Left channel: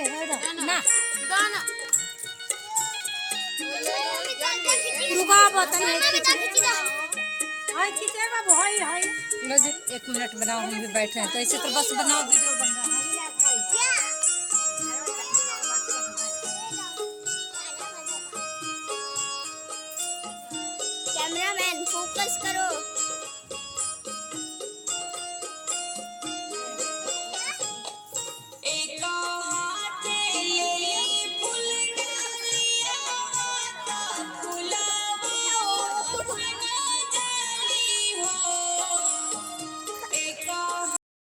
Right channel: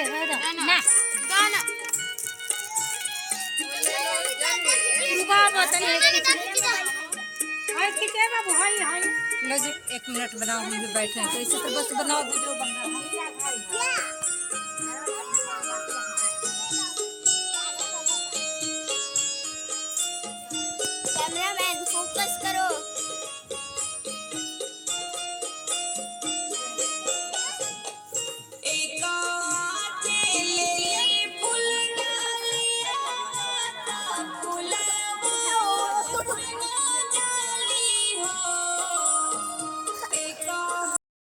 रखे ना गाना रुका बोतल हाय खींचे बाबू हाय हाय लो जी 1 मिनट बनाओ हम भी बैठे हैं तो ऐसे तो बस बनाओ वीडियो बन रहा है।